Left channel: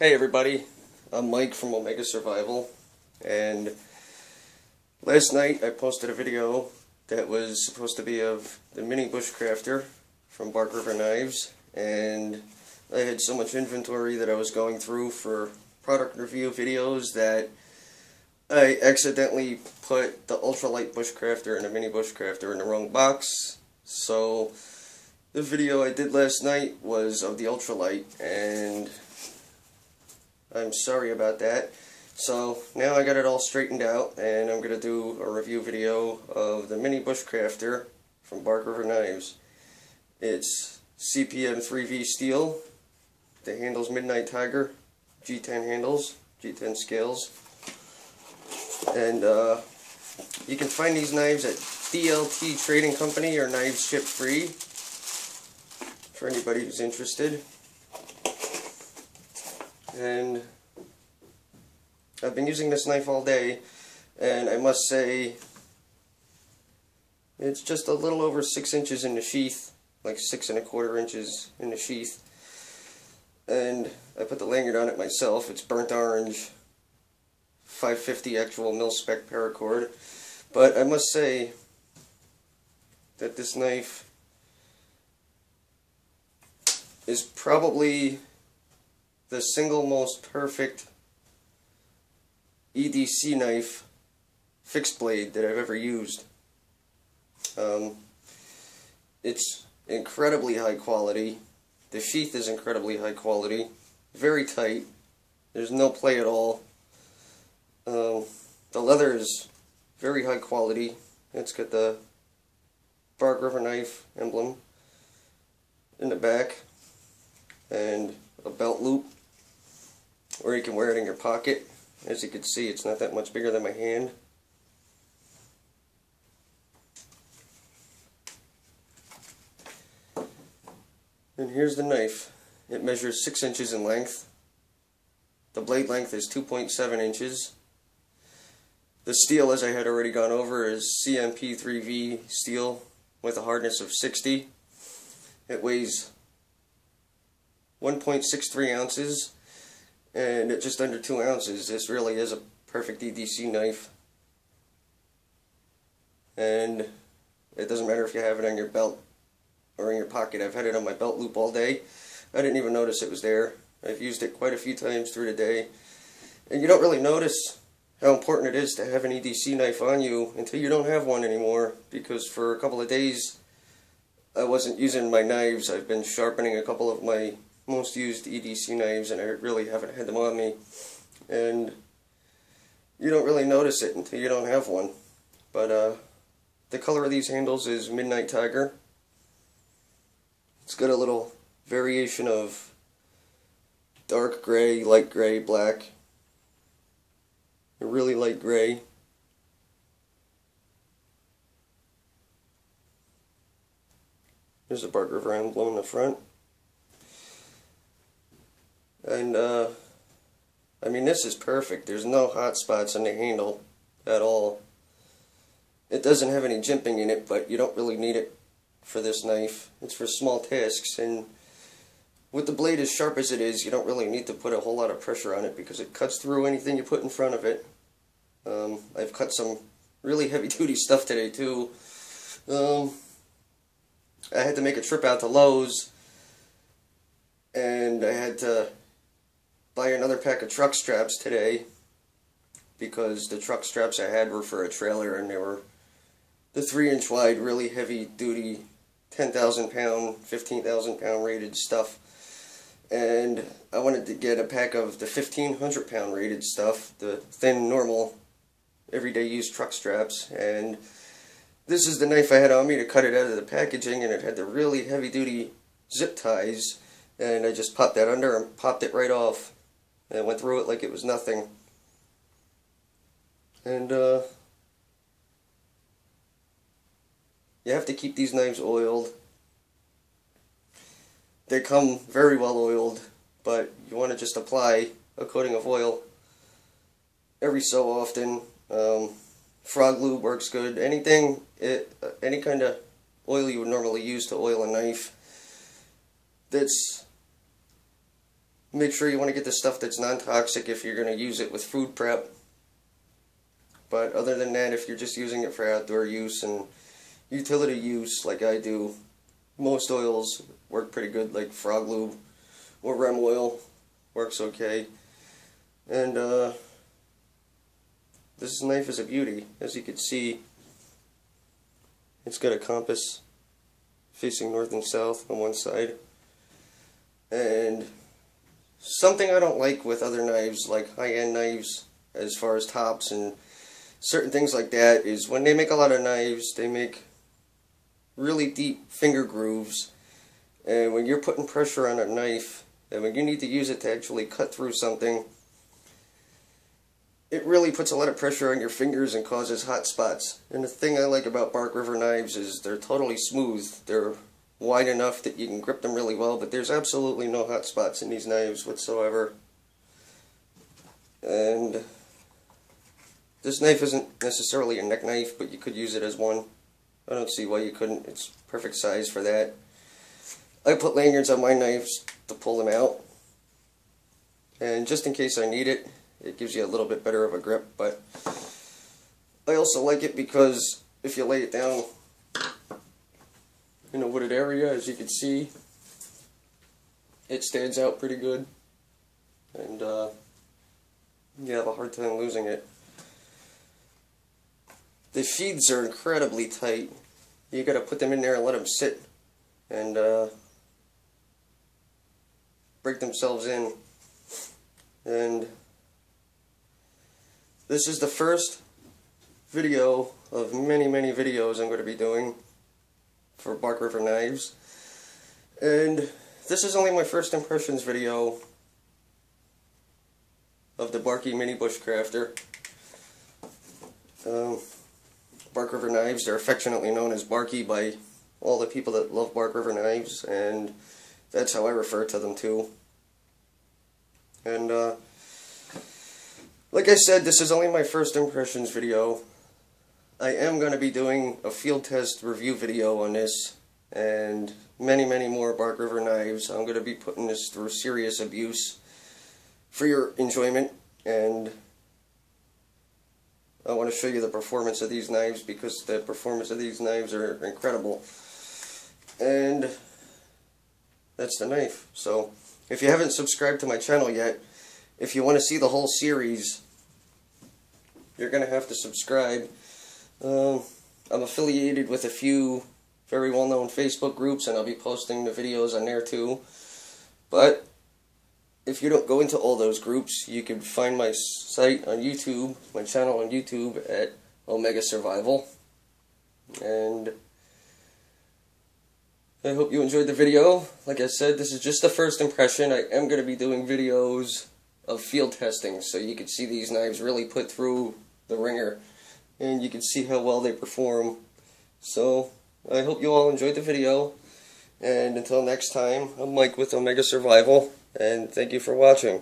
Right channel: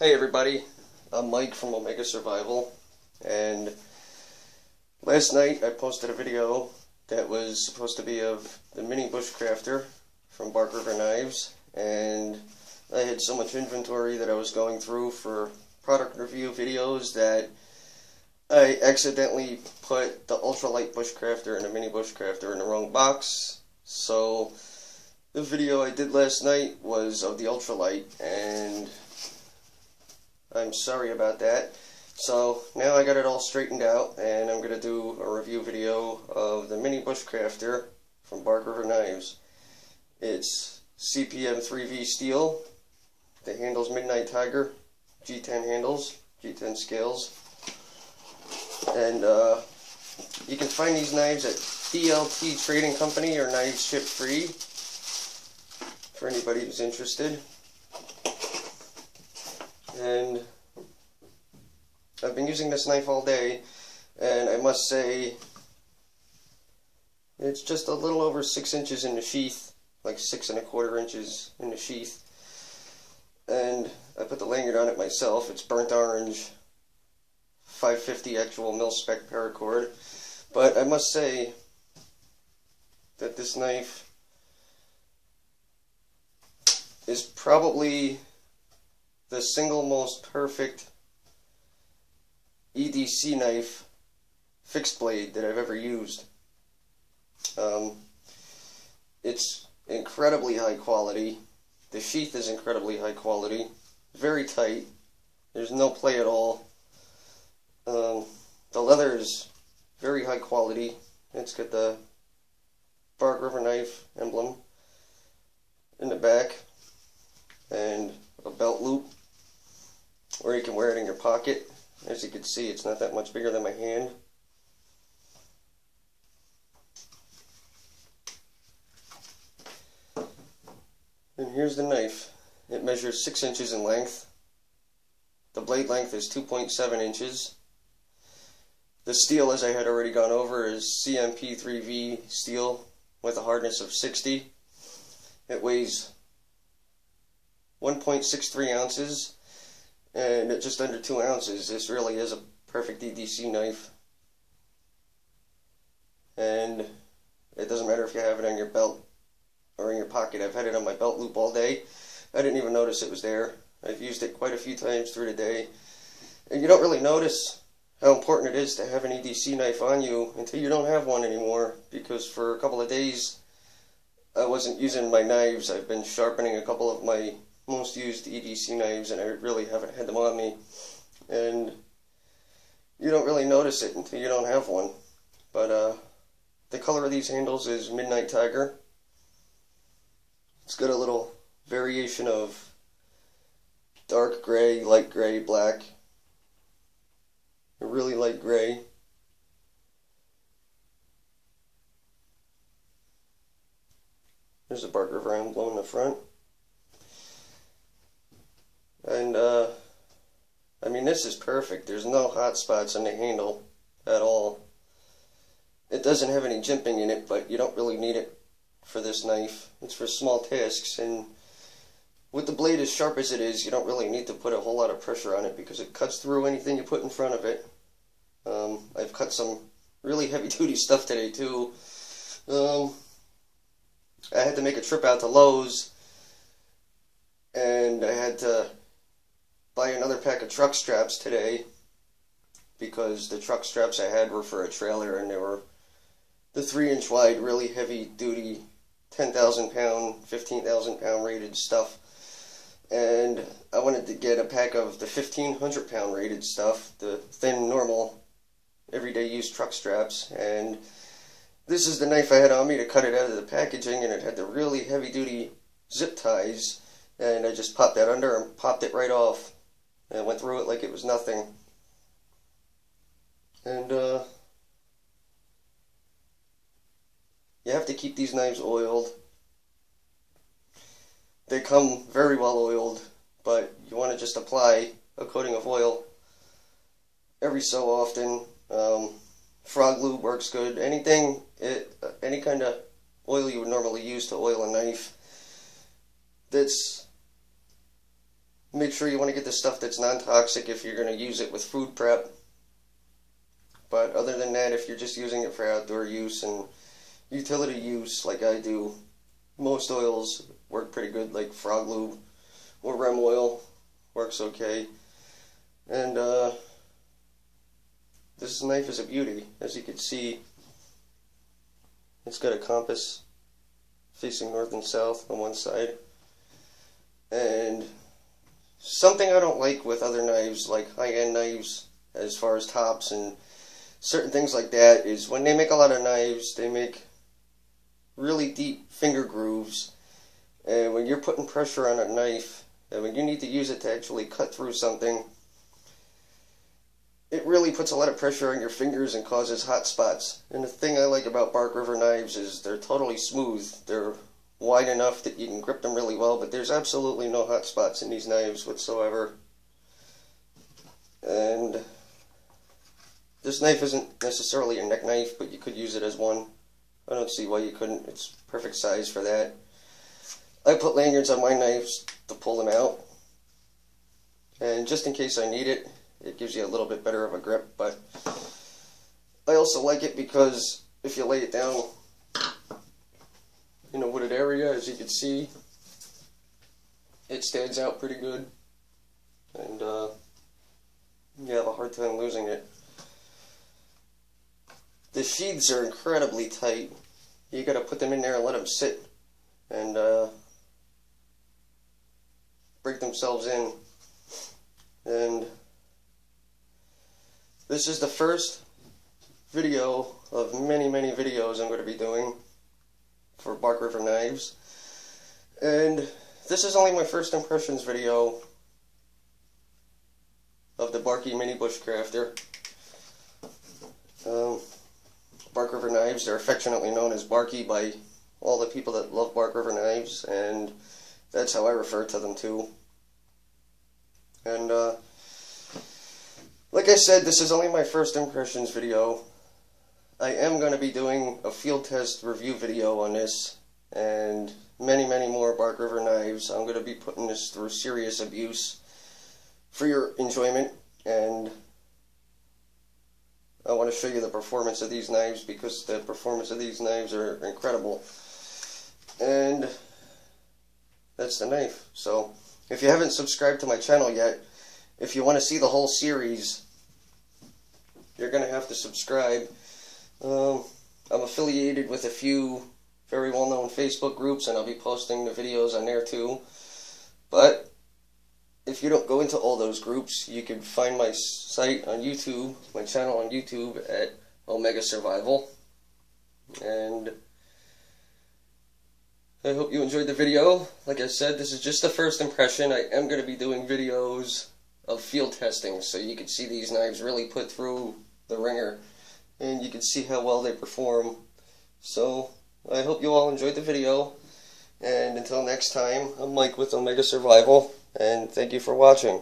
Hey everybody, I'm Mike from Omega Survival, and last night I posted a video that was supposed to be of the mini bushcrafter from Bark River Knives, and I had so much inventory that I was going through for product review videos that I accidentally put the ultralight bushcrafter and the mini bushcrafter in the wrong box. So the video I did last night was of the ultralight, and I'm sorry about that. So now I got it all straightened out, and I'm going to do a review video of the mini bushcrafter from Bark River Knives. It's CPM 3V steel. The handle's Midnight Tiger, G10 handles, G10 scales. And you can find these knives at DLT Trading Company or Knives Ship Free for anybody who's interested. And I've been using this knife all day, and I must say it's just a little over 6 inches in the sheath, like 6 1/4 inches in the sheath. And I put the lanyard on it myself. It's burnt orange, 550 actual mil-spec paracord. But I must say that this knife is probably the single most perfect EDC knife fixed blade that I've ever used. It's incredibly high quality. The sheath is incredibly high quality, very tight. There's no play at all. The leather is very high quality. It's got the Bark River Knife emblem in the back and a belt loop, or you can wear it in your pocket. As you can see, it's not that much bigger than my hand. And here's the knife. It measures 6 inches in length. The blade length is 2.7 inches. The steel, as I had already gone over, is CMP 3V steel with a hardness of 60. It weighs 1.63 ounces. And at just under 2 ounces, this really is a perfect EDC knife. And it doesn't matter if you have it on your belt or in your pocket. I've had it on my belt loop all day. I didn't even notice it was there. I've used it quite a few times through the day. And you don't really notice how important it is to have an EDC knife on you until you don't have one anymore. Because for a couple of days, I wasn't using my knives. I've been sharpening a couple of my most used EDC knives, and I really haven't had them on me. And you don't really notice it until you don't have one. But the color of these handles is Midnight Tiger. It's got a little variation of dark gray, light gray, black, a really light gray. There's a Bark River emblem in the front. And I mean, this is perfect. There's no hot spots on the handle at all. It doesn't have any jimping in it, but you don't really need it for this knife. It's for small tasks, and with the blade as sharp as it is, you don't really need to put a whole lot of pressure on it because it cuts through anything you put in front of it. I've cut some really heavy-duty stuff today too. I had to make a trip out to Lowe's, and I had to buy another pack of truck straps today because the truck straps I had were for a trailer, and they were the 3-inch wide, really heavy duty, 10,000 pound, 15,000 pound rated stuff. And I wanted to get a pack of the 1,500 pound rated stuff, the thin, normal, everyday use truck straps. And this is the knife I had on me to cut it out of the packaging, and it had the really heavy duty zip ties. And I just popped that under and popped it right off. And I went through it like it was nothing. And you have to keep these knives oiled. They come very well oiled, but you want to just apply a coating of oil every so often. Frog lube works good. Any kind of oil you would normally use to oil a knife that's make sure you want to get the stuff that's non-toxic if you're going to use it with food prep. But other than that, if you're just using it for outdoor use and utility use like I do, most oils work pretty good, like frog lube or rem oil works okay. And this knife is a beauty. As you can see, it's got a compass facing north and south on one side. And something I don't like with other knives, like high-end knives, as far as tops and certain things like that, is when they make a lot of knives, they make really deep finger grooves. And when you're putting pressure on a knife, and when you need to use it to actually cut through something, it really puts a lot of pressure on your fingers and causes hot spots. And the thing I like about Bark River knives is they're totally smooth. They're wide enough that you can grip them really well, but there's absolutely no hot spots in these knives whatsoever. And this knife isn't necessarily a neck knife, but you could use it as one. I don't see why you couldn't. It's perfect size for that. I put lanyards on my knives to pull them out, and just in case I need it, it gives you a little bit better of a grip. But I also like it because if you lay it down in a wooded area, as you can see, it stands out pretty good, and you have a hard time losing it. The sheaths are incredibly tight. You gotta put them in there and let them sit and break themselves in. And this is the first video of many, many videos I'm going to be doing for Bark River knives. And this is only my first impressions video of the Barky Mini Bushcrafter. Bark River knives, they're affectionately known as Barky by all the people that love Bark River knives, and that's how I refer to them too. And like I said, this is only my first impressions video. I am going to be doing a field test review video on this, and many, many more Bark River knives. I'm going to be putting this through serious abuse for your enjoyment, and I want to show you the performance of these knives, because the performance of these knives are incredible. And that's the knife. So if you haven't subscribed to my channel yet, if you want to see the whole series, you're going to have to subscribe. I'm affiliated with a few very well-known Facebook groups, and I'll be posting the videos on there too. But if you don't go into all those groups, you can find my site on YouTube, my channel on YouTube at Omega Survival. And I hope you enjoyed the video. Like I said, this is just the first impression. I am going to be doing videos of field testing, so you can see these knives really put through the ringer, and you can see how well they perform. So I hope you all enjoyed the video, and until next time, I'm Mike with Omega Survival, and thank you for watching.